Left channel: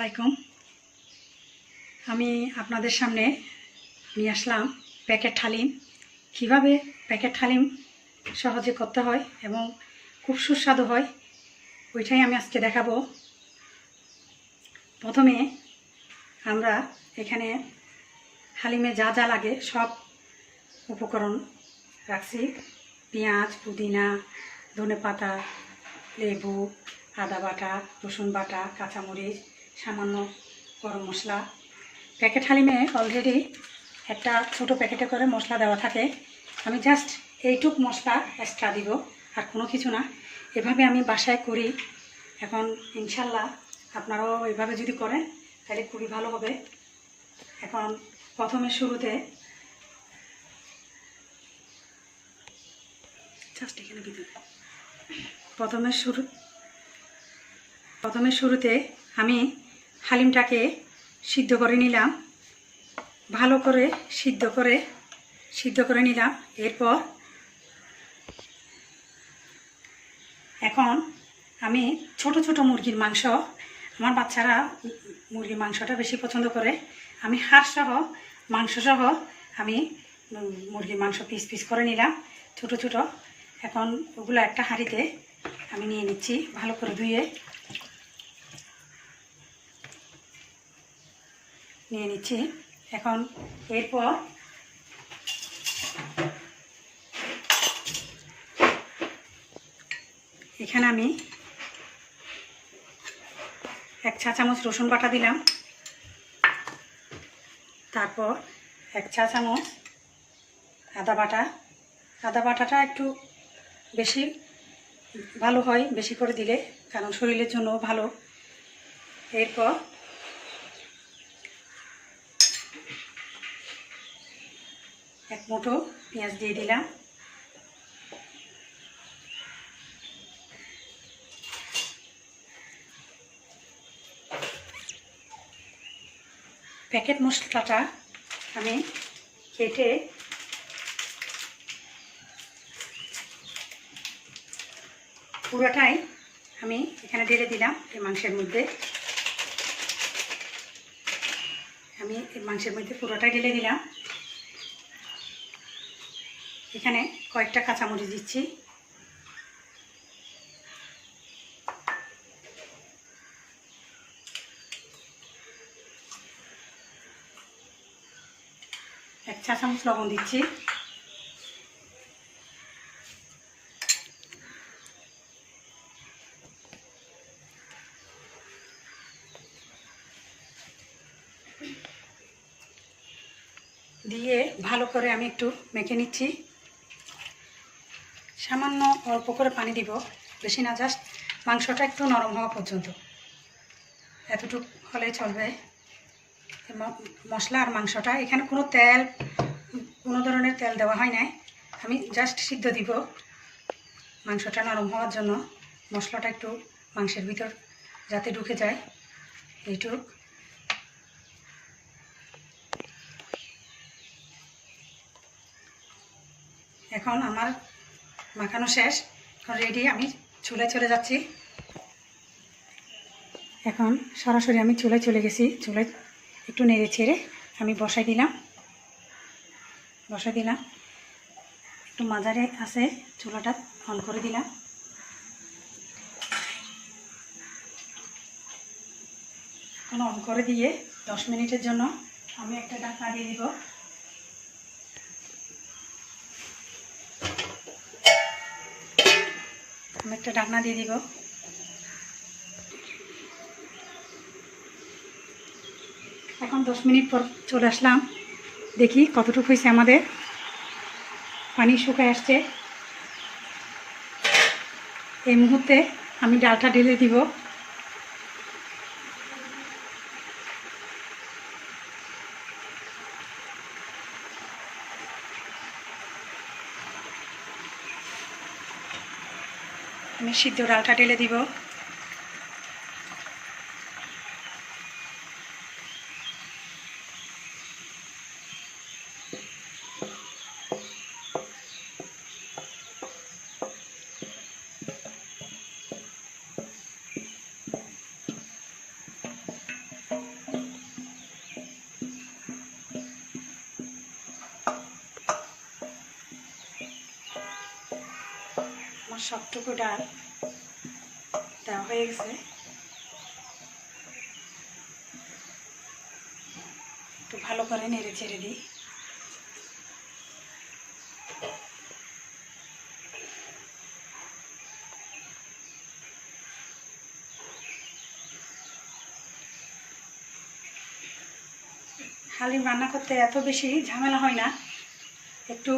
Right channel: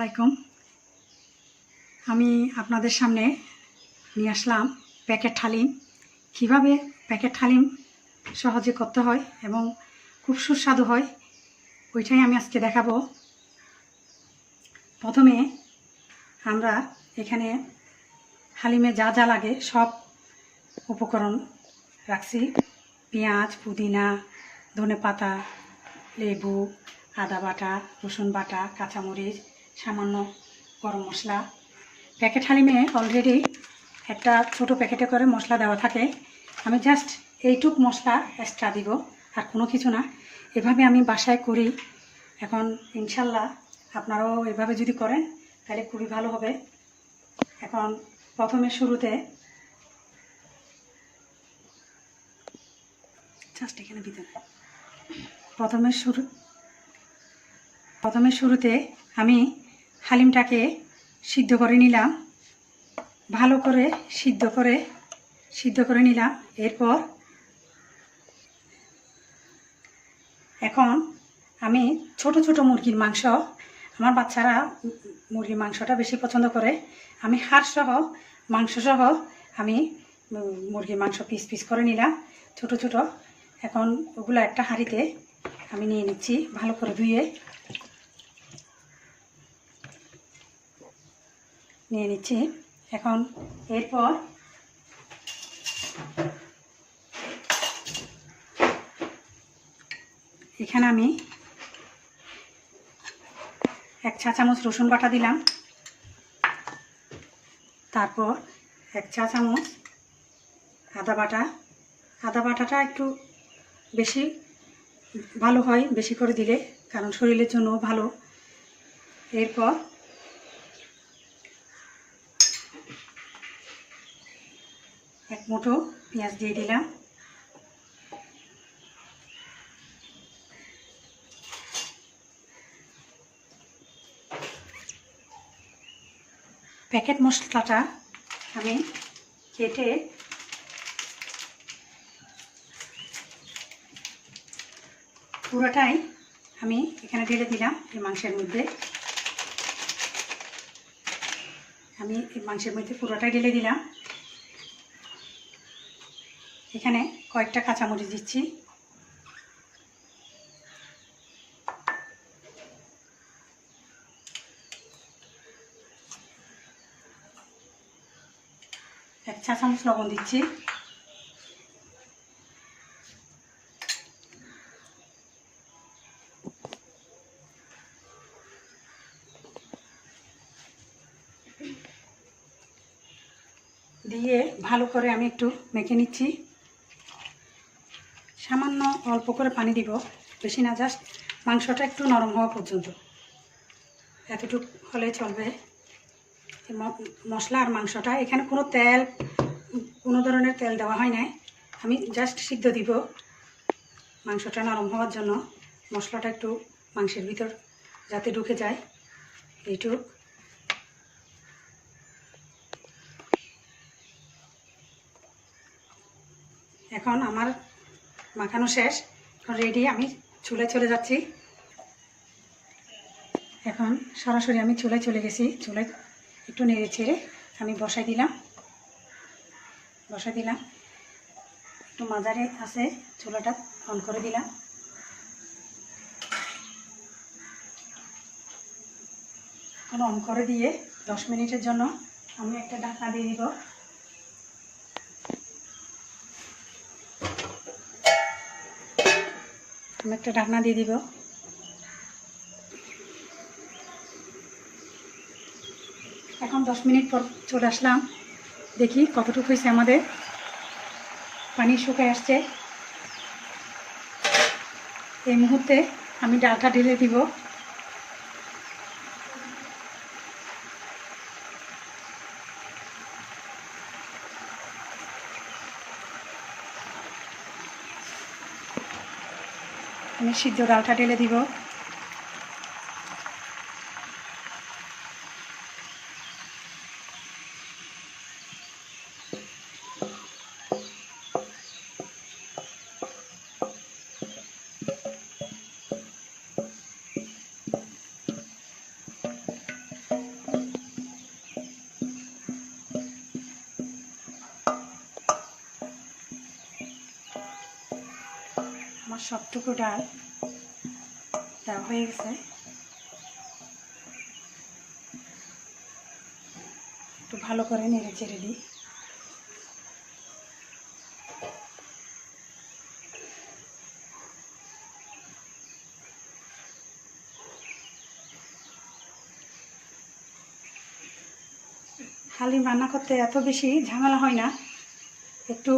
আসসালামাইকুম। আমি আপনাদের সামনে নিয়ে আসলাম প্যাকেট হালিম। কিভাবে প্যাকেট হালিম সহজে করতে হয় এবং খুব সুস্বাদু হয় ওইটাই আমি আজকে দেখাবো। প্রথমে আমরা এখানে হালিমে যা যা লাগে সব উপকরণ রাখছি। পেঁয়াজ, পুদিনা, ধনেপাতা, লেবু, আদা বাটা, রসুন বাটা, কাঁচামরিচ, সামান্য গরম মশলা। প্যাকেট হালিমে অলরেডি একটা ছোট প্যাকেটে করে মশলা দেওয়া থাকে। আমি জাস্ট এইটুক মশলা এক্সট্রা দিব, আর কোনো কিছু না। এভাবে আমি বাসায় করি। এখন ইনশাল্লাহ আপনারাও এভাবে যদি করেন তাহলে খুবই ভালো হবে। এখন প্রথমে শুরুতে জাস্ট এখানে ভিতরে প্রথমে শুরুতে আমি হালিমটাকে সিদ্ধ করে নিলাম, ভালো করে সিদ্ধ করে নিলাম। এরপর এখন আমি ছোট ছোট মুরগির মাংস, আমার বাচ্চারা মুরগির মাংসটা বেশি পছন্দ করে, আমি হাড়সহ মাংসসহ আমি মুরগির মাংস পিস পিস করে নিলাম ছোট ছোট। এখন ওগুলো একটা হাঁড়িতে আমি নিয়ে নিচ্ছি, ভালো করে ধুয়ে নিয়ে নিচ্ছি। এখন এরপর এখানে আমি 1 চা চামচ রসুন বাটা দিলাম, তারপর 1 চা চামচ আদা বাটা। আদা বাটাটা একটু বেশি ভালো হয়, বেশি করে দিলে, কারণ শরীরের জন্য ভালো। এরপর এক মুঠো পেঁয়াজ দিয়ে দিলাম। প্যাকেট মশলাটা আমি কেটে পুরোটাই আমি এখানে ঢেলে দিলাম এই মাংসের মধ্যে। আমি এই মাংসের মধ্যে পুরোটাই ঢেলে দিলাম। এখানে কয়েকটা কাঁচামরিচ দিচ্ছি। এক চা চামচ লবণ দিচ্ছি। দিয়ে ভালো করে আমি একটু মেখে নিচ্ছি। সামান্য অল্প করে পানি দিব, বেশি না, জাস্ট মাংসটা একটু নরম হওয়া পর্যন্ত, এতটুকু হলে চলবে। মশলা আর মাংসটা, এখানে কোনো ধরনের তেল দেওয়া হয় নাই, আমি জাস্ট সিদ্ধ দিব মাংসটা নরম হওয়ার জন্য। মশলাটা একটু মাংসের ভিতর যাতে ঢুকে যায়, এইটুক। এখন আমার মাখানো শেষ, রেডি। আমি চুলায় চলে যাচ্ছি। এখন সরাসরি আমি চুলায় চলে গেছি। চুলায় একটু নেড়ে ছেড়ে আমি বসাই দিলাম। একটু মাঝারে আছে, চুলাটা অন করে দিলাম। অন করে দিয়ে 10 মিনিটের জন্য আমি একটা ঢাকনা দিয়ে দিব। এখন 10 মিনিট পর চলে আসলাম, দেখি কতটুকু হয়েছে আমাদের। পানি শুকিয়ে আসছে। এই মুহূর্তে আমি ডালটা ঢেলে দিব। আমি সিদ্ধ ডালটা ঢেলে দিব। সবটুকু ডাল দেওয়া হয়ে গেছে। একটু ভালো করে নেড়ে চেড়ে দিই। হালিম রান্না করতে এত বেশি ঝামেলা হয় না, একটু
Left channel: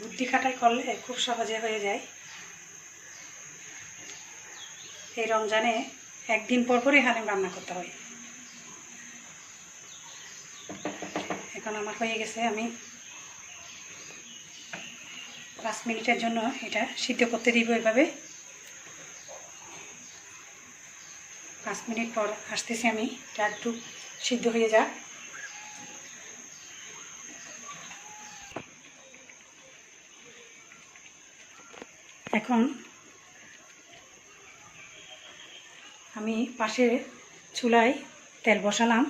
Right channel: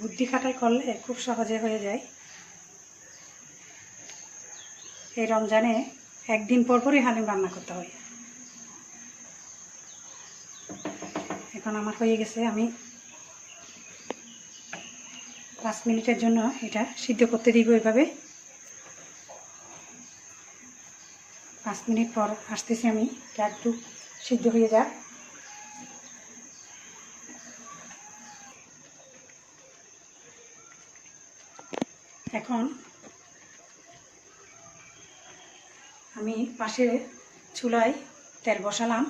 বুদ্ধি খাটাই করলে খুব সহজে হয়ে যায়। এই রমজানে একদিন পর পরই হালিম রান্না করতে হয়। এখন আমার হয়ে গেছে, আমি 5 মিনিটের জন্য এটা সিদ্ধ করতে দিব। এভাবে 5 মিনিট পর আসতেছি আমি, এটা একটু সিদ্ধ হয়ে যাক। এখন আমি পাশে চুলায় তেল বসালাম,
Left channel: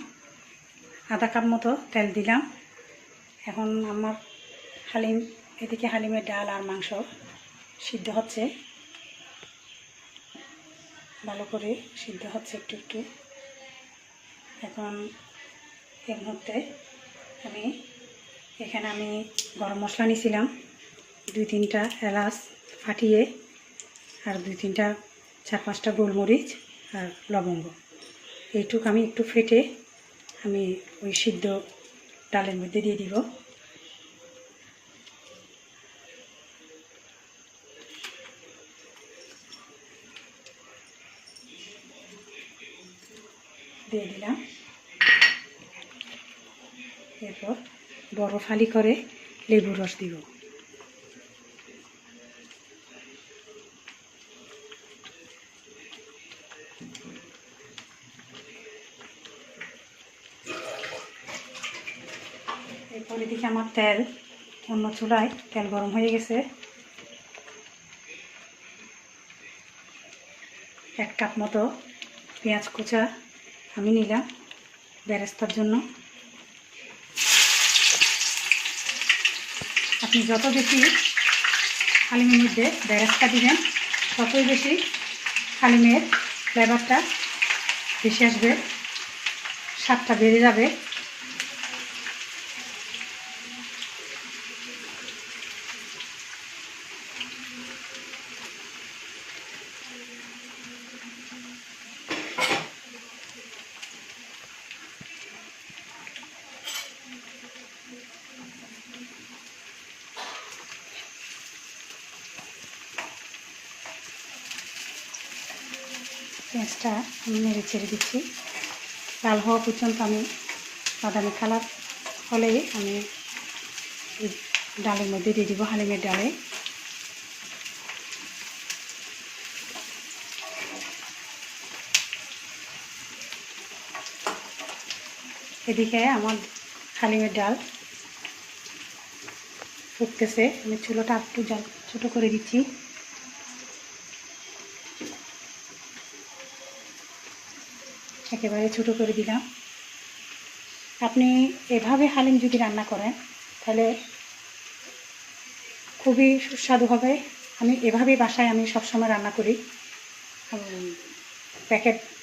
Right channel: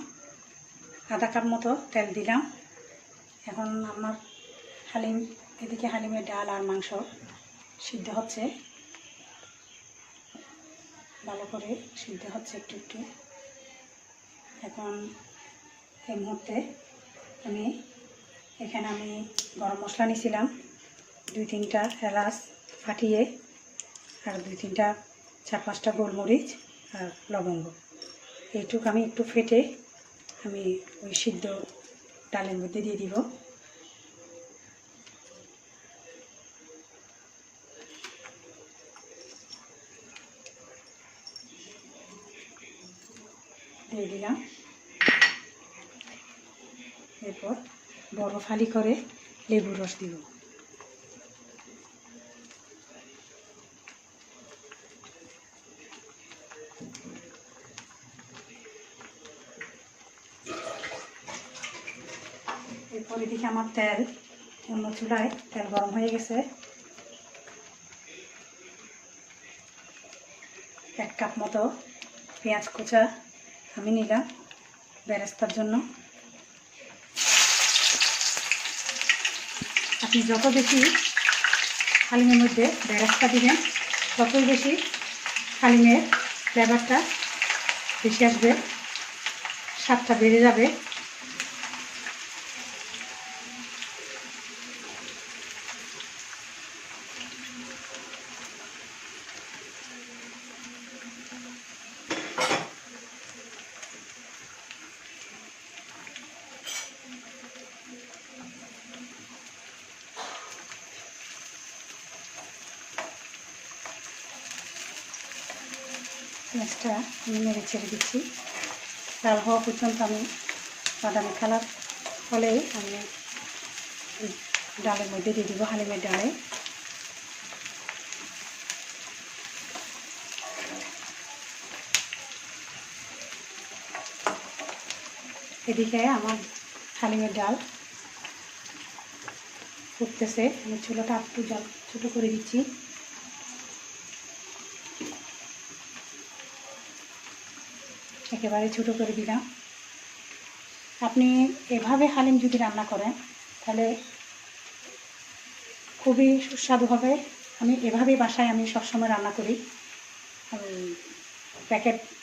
আধা কাপ মতো তেল দিলাম। এখন আমার হালিম, এদিকে হালিমের ডাল আর মাংস সিদ্ধ হচ্ছে, ভালো করে সিদ্ধ হচ্ছে একটু একটু। এখন এই মুহূর্তে এখানে আমি গরম মশলা নিয়েছিলাম, 2-3টা এলাচ ফাটিয়ে, আর 2-3টা 4-5টা গোলমরিচ আর লবঙ্গ। এইটুকু আমি একটু ফেটে আমি ওই সিদ্ধ ডালের মধ্যে দিয়ে দিব। দিয়ে দিলাম। এরপর বড় ফালি করে লেবুর রস দিব। এরপর এদিকে আমার তেল, অন্য চুলায় তেল গরম হয়ে গেছে। 1 কাপ মতো পেঁয়াজ কুচা আমি নিলাম বেরেস্তার জন্য। আপনি যত বেশি হালিমের মধ্যে বেরেস্তা দিবেন, ততই বেশি হালিমের ফ্লেভারটা বেশি আসবে, স্বাদটা বেড়ে যাবে। পেঁয়াজটা আমি নেড়ে ছেড়ে দিচ্ছি, লাল হওয়া পর্যন্ত আমি বাদামি কালার হলে আমি ডালের মধ্যে দিয়ে দিব, হালিমের ডালে। এদিকে আমার হালিমের ডাল ফুটতেছে, আমি চুলোটা একটু ছোটো করে দিচ্ছি। একেবারে ছোটো করে দিলাম। আপনি এভাবে হালিম যদি রান্না করেন তাহলে খুবই সুস্বাদু হবে। আমি এভাবেই বাসায় আমি সবসময় রান্না করি।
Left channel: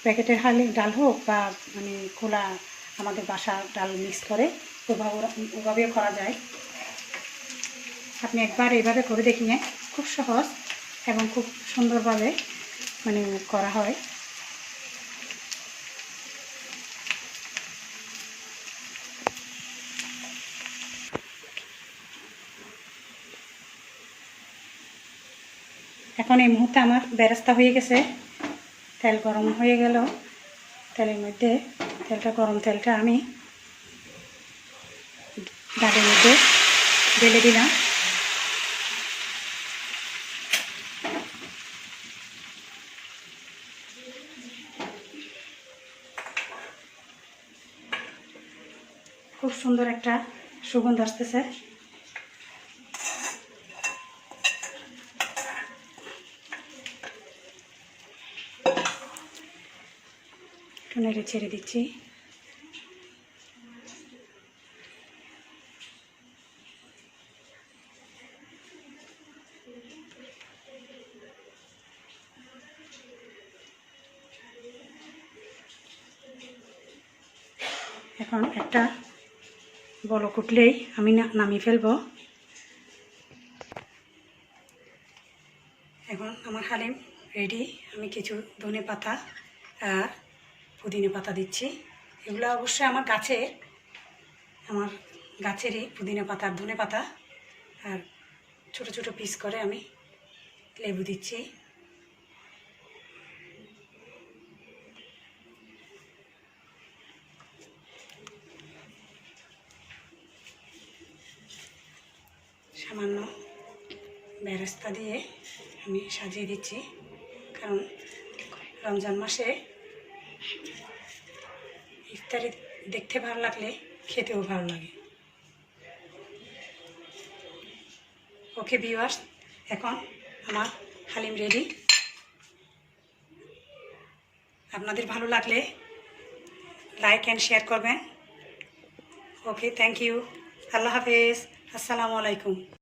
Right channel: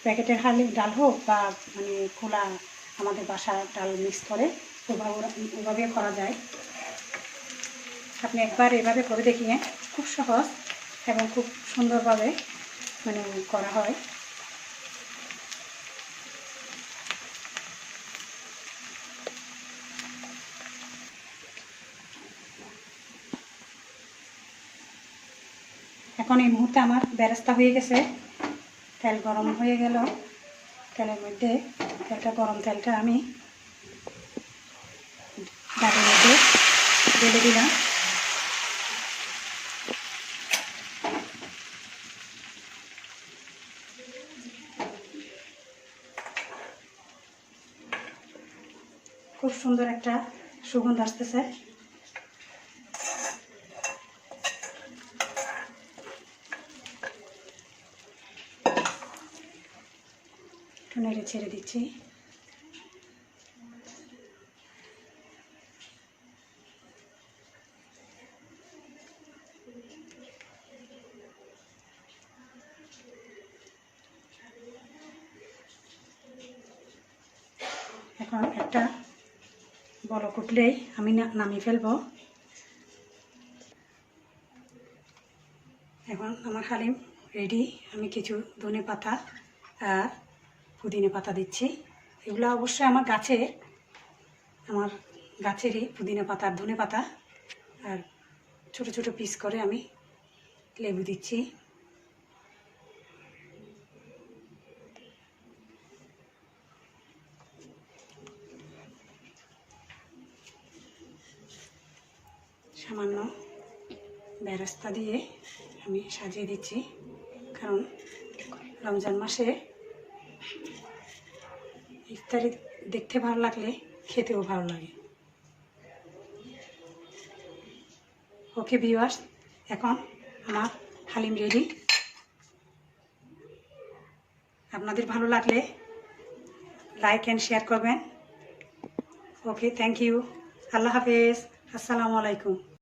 প্যাকেটের হালিম ডাল হোক বা মানে খোলা আমাদের বাসার ডাল মিক্স করে ওভাবেও করা যায়। আপনি একবার এভাবে করে দেখিয়ে, খুব সহজ এবং খুব সুন্দরভাবে মানে করা হয়। এখন এই মুহূর্তে আমার বেরেস্তা হয়ে গেছে, তেল গরম হয়ে গেল। তেলের মধ্যে গরম তেলটা আমি ডালের মধ্যে ঢেলে দিলাম। খুব সুন্দর একটা সুগন্ধ আসতেছে। নেড়ে ছেড়ে দিচ্ছি। এখন একটা বলক উঠলেই আমি নামিয়ে ফেলবো। এখন আমার হালিম রেডি। আমি কিছু ধনে পাতা আর পুদিনা পাতা দিচ্ছি। এগুলো অবশ্যই আমার গাছেরই পুদিনা পাতা আর ধনে পাতা। আর ছোট ছোট পিস করে আমি লেবু দিচ্ছি। সামান্য বেরেস্তা দিয়ে আমি সাজিয়ে দিচ্ছি, কারণ রমজান মাসে ইফতারি দেখতে ভালো লাগলে খেতেও ভালো লাগে। ওকে ভিউয়ার্স, এখন আমার হালিম রেডি। আপনাদের ভালো লাগলে লাইক অ্যান্ড শেয়ার করবেন। ওকে, থ্যাংক ইউ। আল্লাহ হাফেজ। আসসালামু আলাইকুম।